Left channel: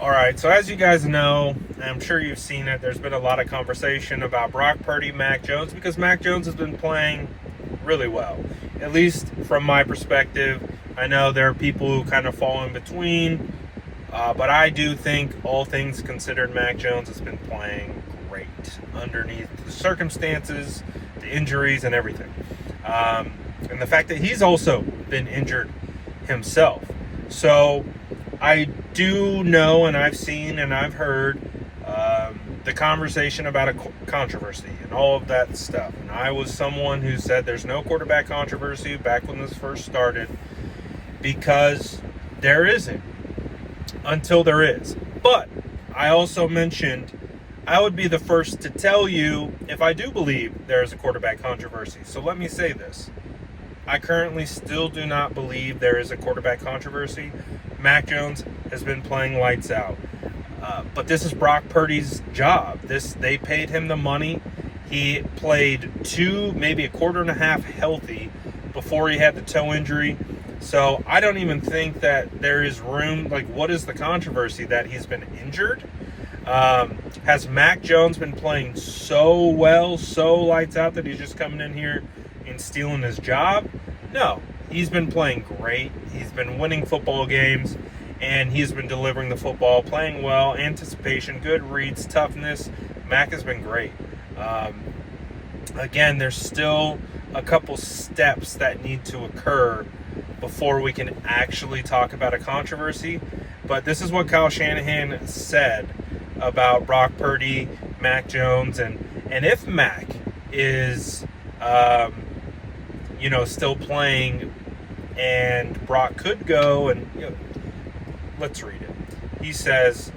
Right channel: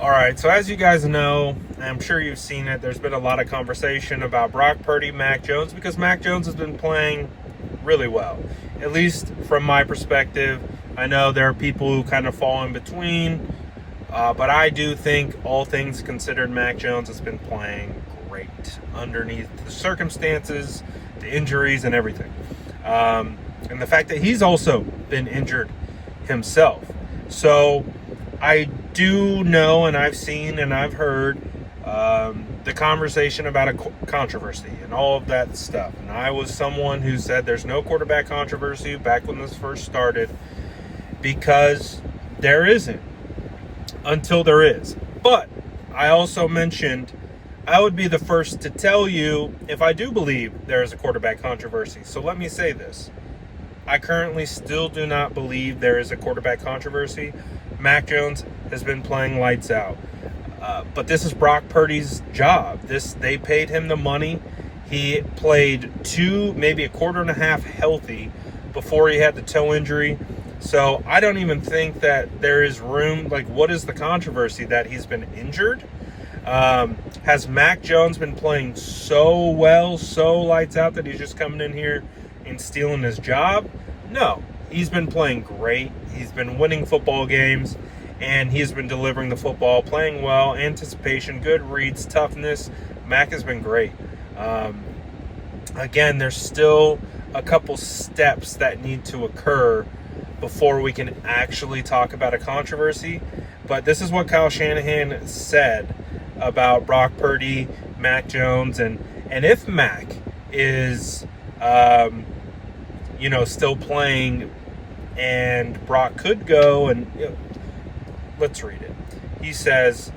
All right, so as you guys know, I'm sure you've seen it, there's been a lot of conversation about Brock Purdy, Mac Jones, because Mac Jones has been playing really well, at least from my perspective. I know there are people who kind of fall in between, but I do think, all things considered, Mac Jones has been playing great underneath the circumstances, the injuries, and everything. And the fact that he's also been injured himself. So I do know, and I've seen and I've heard the conversation about a controversy and all of that stuff. And I was someone who said there's no quarterback controversy back when this first started, because there isn't until there is. But I also mentioned I would be the first to tell you if I do believe there is a quarterback controversy. So let me say this. I currently still do not believe there is a quarterback controversy. Mac Jones has been playing lights out. But this is Brock Purdy's job. They paid him the money. He played maybe a quarter and a half healthy before he had the toe injury. So I don't even think that there is room. Like, what is the controversy? That he's been injured? Has Mac Jones been playing so well, so lights out, that he's just coming in here and stealing his job? No, he's been playing great. He's been winning football games, and he's been delivering the football, playing well, anticipation, good reads, toughness. Mac has been great. Again, there's still a couple steps that need to occur before we can actually talk about a controversy. But this is what Kyle Shanahan said about Brock Purdy, Mac Jones, and if Mac is still playing and Brock could go, and let's read it. He says,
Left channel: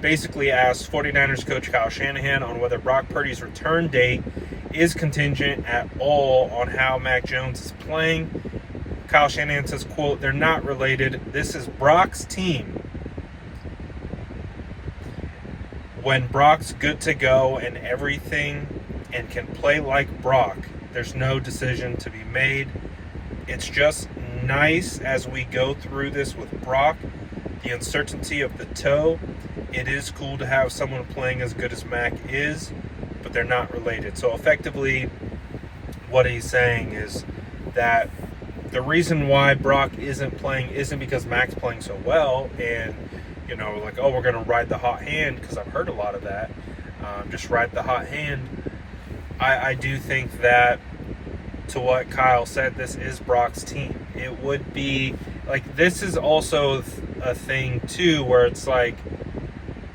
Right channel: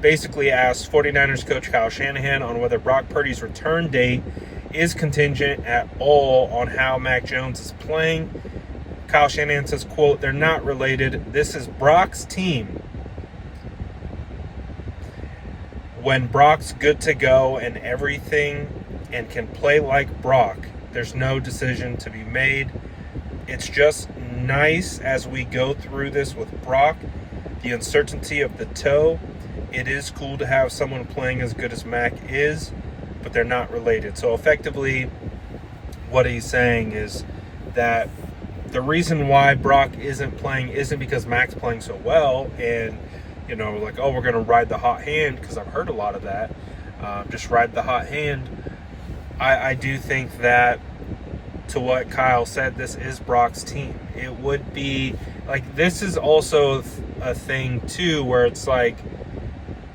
basically asked 49ers coach Kyle Shanahan on whether Brock Purdy's return date is contingent at all on how Mac Jones is playing. Kyle Shanahan says, quote, "They're not related. This is Brock's team. When Brock's good to go and everything and can play like Brock, there's no decision to be made. It's just nice as we go through this with Brock, the uncertainty of the toe. It is cool to have someone playing as good as Mac is, but they're not related." So effectively, what he's saying is that the reason why Brock isn't playing isn't because Mac's playing so well and, like, oh, we're going to ride the hot hand, because I've heard a lot of that. Just ride the hot hand. I do think that, to what Kyle said, this is Brock's team. It would be, like, this is also a thing, too, where it's like,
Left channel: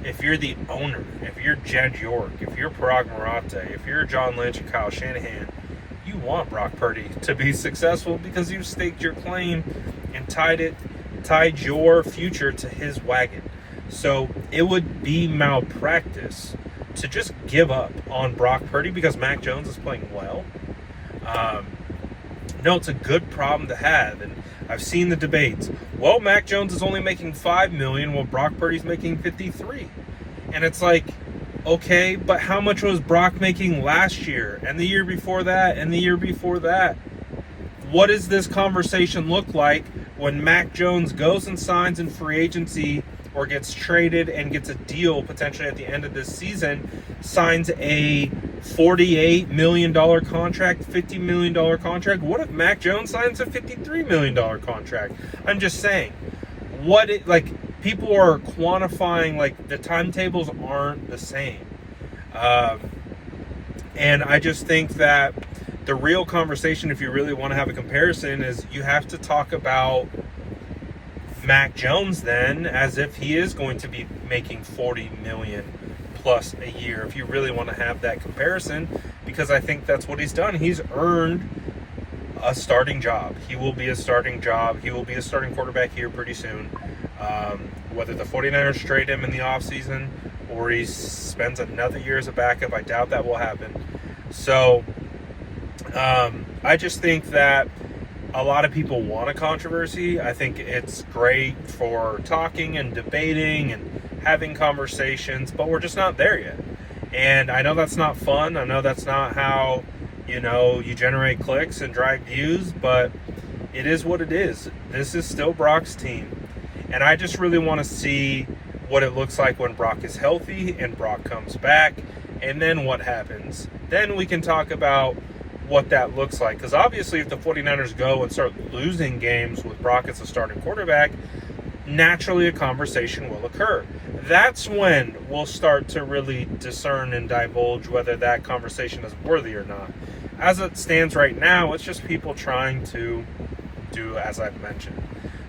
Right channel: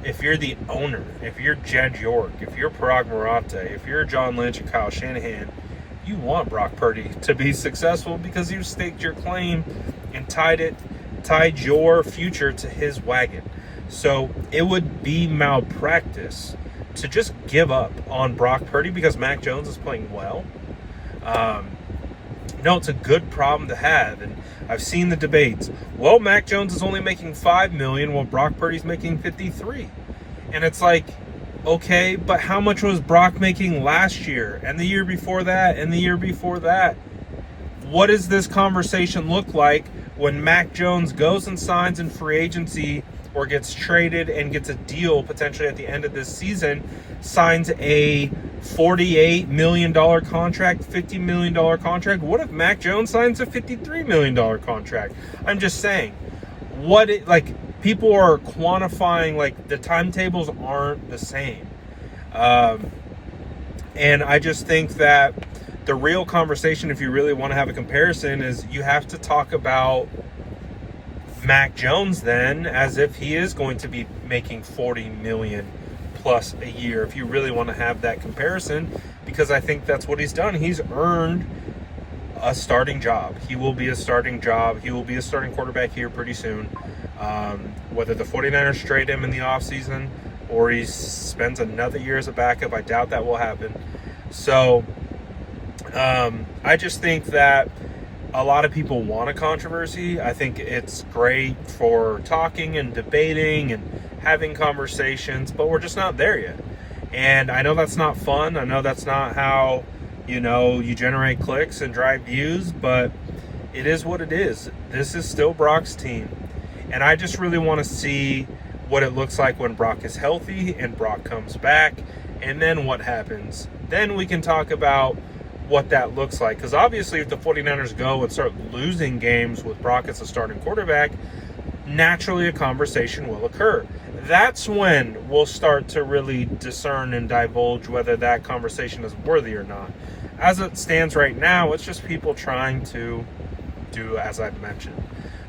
if you're the owner, if you're Jed York, if you're Parag Marathe, if you're John Lynch and Kyle Shanahan, you want Brock Purdy to be successful because you staked your claim and tied your future to his wagon. So it would be malpractice to just give up on Brock Purdy because Mac Jones is playing well. No, it's a good problem to have, and I've seen the debates. Well, Mac Jones is only making $5 million, while Brock Purdy's making $53 million, and it's like, okay, but how much was Brock making last year, and the year before that, and the year before that? What does this conversation look like when Mac Jones goes and signs in free agency, or gets traded and gets a deal potentially at the end of this season, signs a $48 million contract, $50 million contract? What if Mac Jones signs a $53 million contract? I'm just saying, people are quantifying, like, the timetables aren't the same. And I just think that the real conversation, if you really want to have a comparison, is you have to talk about Mac Jones then as if he is going to be making $40 million plus a year, if you really want to have that comparison, because I think that's what he's done. He's earned a starting job. He will be a starting job. He will be a starting quarterback here pretty soon. Whether the 49ers trade him in the offseason or he spends another year as a backup, I doubt that will happen. So I just think that a lot of people want a controversy. I think it's great for talking and debating and having conversations, but we're just not there yet. And I know that's not fun. I know that's not how, you generate clicks and drive views, but it is what it is. This is still Brock's team. And I just really want to see what it looks like when Brock is healthy and Brock comes back, and then what happens. Then we can talk about what that looks like. Because obviously if the 49ers go and start losing games with Brock as a starting quarterback, naturally a conversation will occur. That's when we'll start to really discern and divulge whether that conversation is worthy or not. As it stands right now, it's just people trying to do as I've mentioned.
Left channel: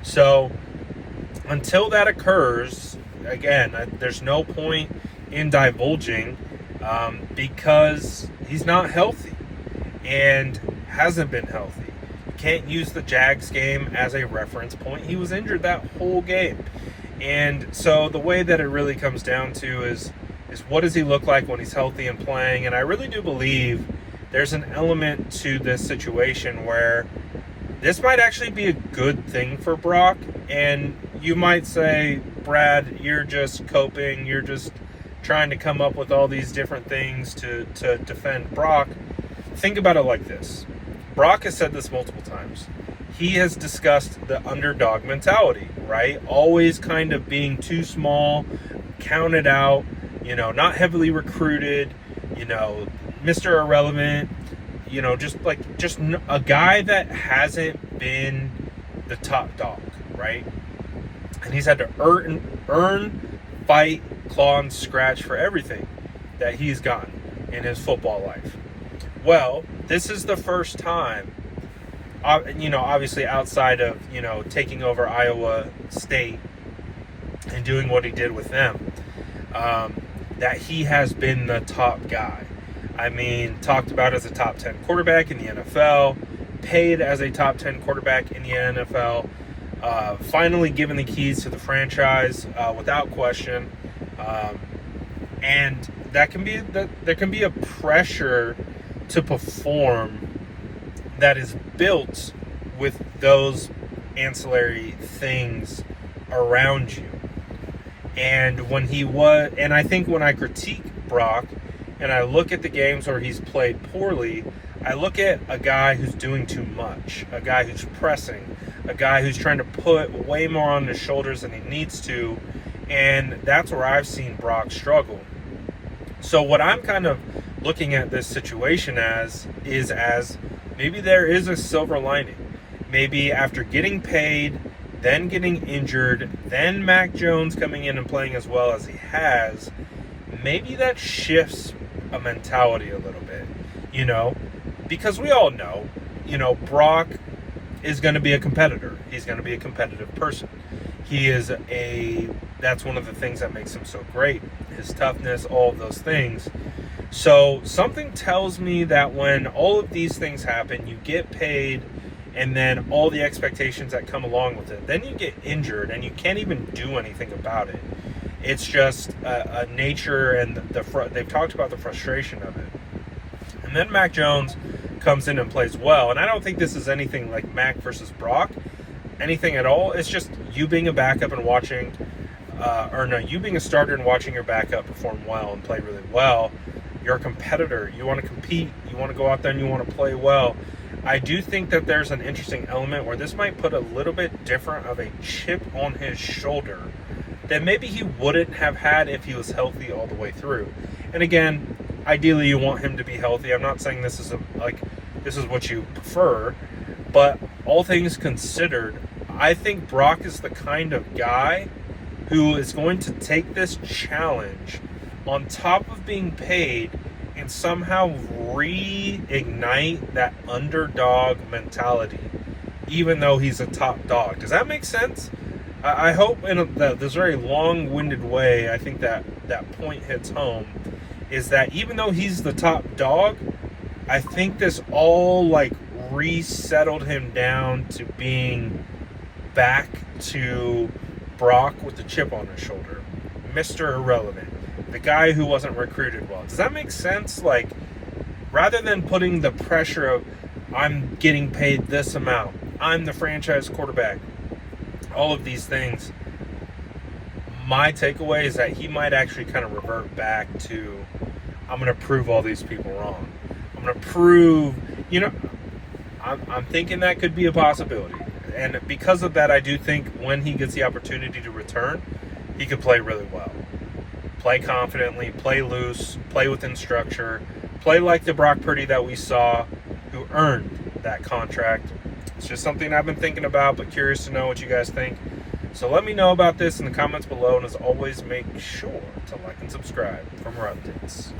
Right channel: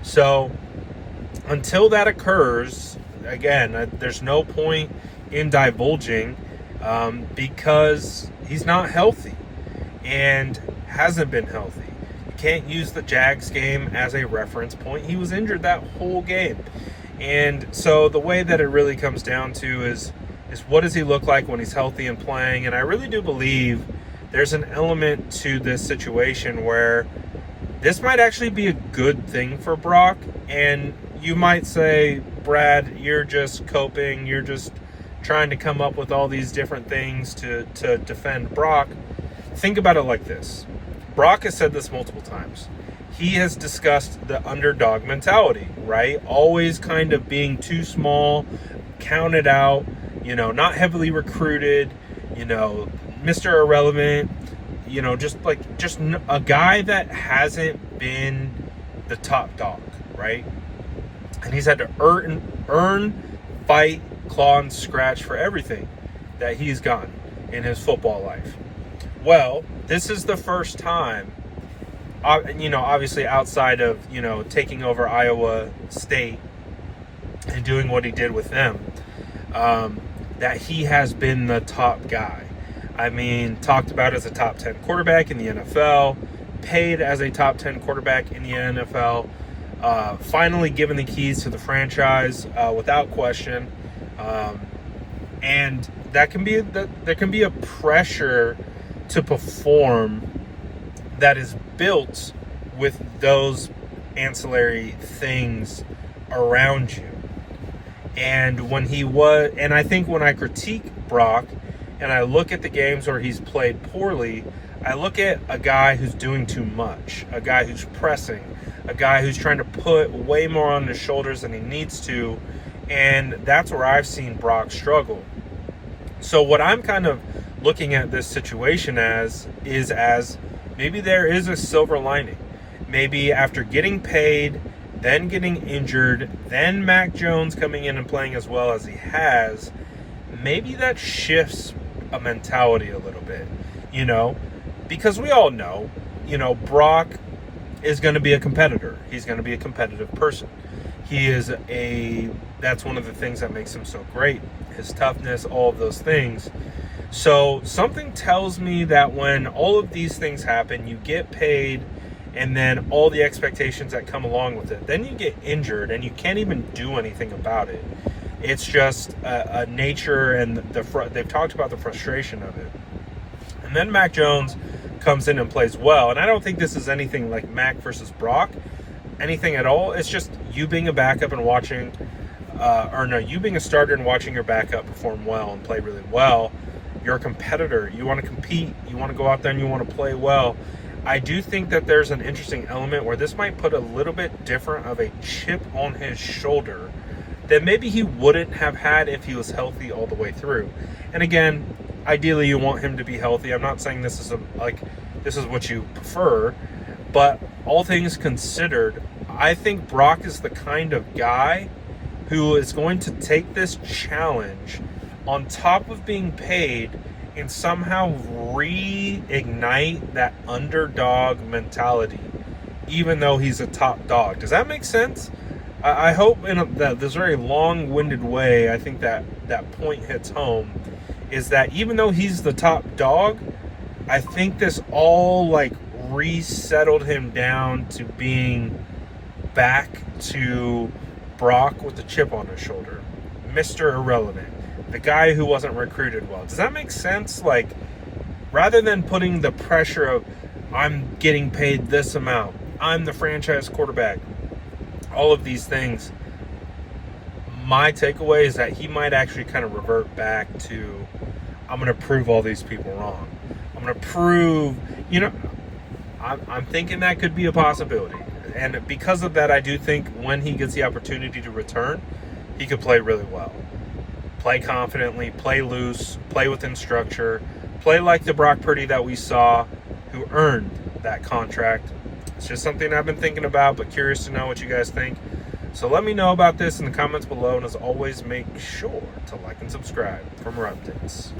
So until that occurs, again, there's no point in divulging because he's not healthy and hasn't been healthy. You can't use the Jags game as a reference point. He was injured that whole game. And so the way that it really comes down to is what does he look like when he's healthy and playing? And I really do believe there's an element to this situation where this might actually be a good thing for Brock. And you might say, Brad, you're just coping. You're just trying to come up with all these different things to defend Brock. Think about it like this. Brock has said this multiple times. He has discussed the underdog mentality, right? Always kind of being too small, counted out, not heavily recruited, Mr. Irrelevant, just a guy that hasn't been the top dog, right? And he's had to earn, fight, claw, and scratch for everything that he's gotten in his football life. Well, this is the first time, obviously outside of, taking over Iowa State and doing what he did with them, that he has been the top guy. I mean, talked about as a top 10 quarterback in the NFL, paid as a top 10 quarterback in the NFL, finally given the keys to the franchise without question. And there can be a pressure to perform that is built with those ancillary things around you. And I think when I critique Brock and I look at the games where he's played poorly, I look at a guy who's doing too much, a guy who's pressing, a guy who's trying to put way more on his shoulders than he needs to, and that's where I've seen Brock struggle. So what I'm kind of looking at this situation as maybe there is a silver lining. Maybe after getting paid, then getting injured, then Mac Jones coming in and playing as well as he has, maybe that shifts a mentality a little bit, because we all know, Brock is going to be a competitor. He's going to be a competitive person. That's one of the things that makes him so great, his toughness, all of those things. So something tells me that when all of these things happen, you get paid, and then all the expectations that come along with it, then you get injured and you can't even do anything about it. It's just a nature, and they've talked about the frustration of it. And then Mac Jones comes in and plays well, and I don't think this is anything like Mac versus Brock, anything at all. It's just you being a backup and watching, you being a starter and watching your backup perform well and play really well. You're a competitor. You want to compete. You want to go out there and you want to play well. I do think that there's an interesting element where this might put a little bit different of a chip on his shoulder that maybe he wouldn't have had if he was healthy all the way through. And again, ideally you want him to be healthy. I'm not saying this is what you prefer, but all things considered, I think Brock is the kind of guy who is going to take this challenge on top of being paid and somehow reignite that underdog mentality, even though he's a top dog. Does that make sense? I hope in this very long-winded way, I think that point hits home, is that even though he's the top dog, I think this all resettled him down to being back to Brock with the chip on his shoulder, Mr. Irrelevant, the guy who wasn't recruited well. Does that make sense? Rather than putting the pressure of, I'm getting paid this amount, I'm the franchise quarterback, all of these things, my takeaway is that he might actually kind of revert back to, I'm going to prove all these people wrong. I'm going to prove, I'm thinking that could be a possibility. And because of that, I do think when he gets the opportunity to return, he could play really well. Play confidently, play loose, play within structure, play like the Brock Purdy that we saw, who earned that contract. It's just something I've been thinking about, but curious to know what you guys think. So let me know about this in the comments below, and as always, make sure to like and subscribe for more updates.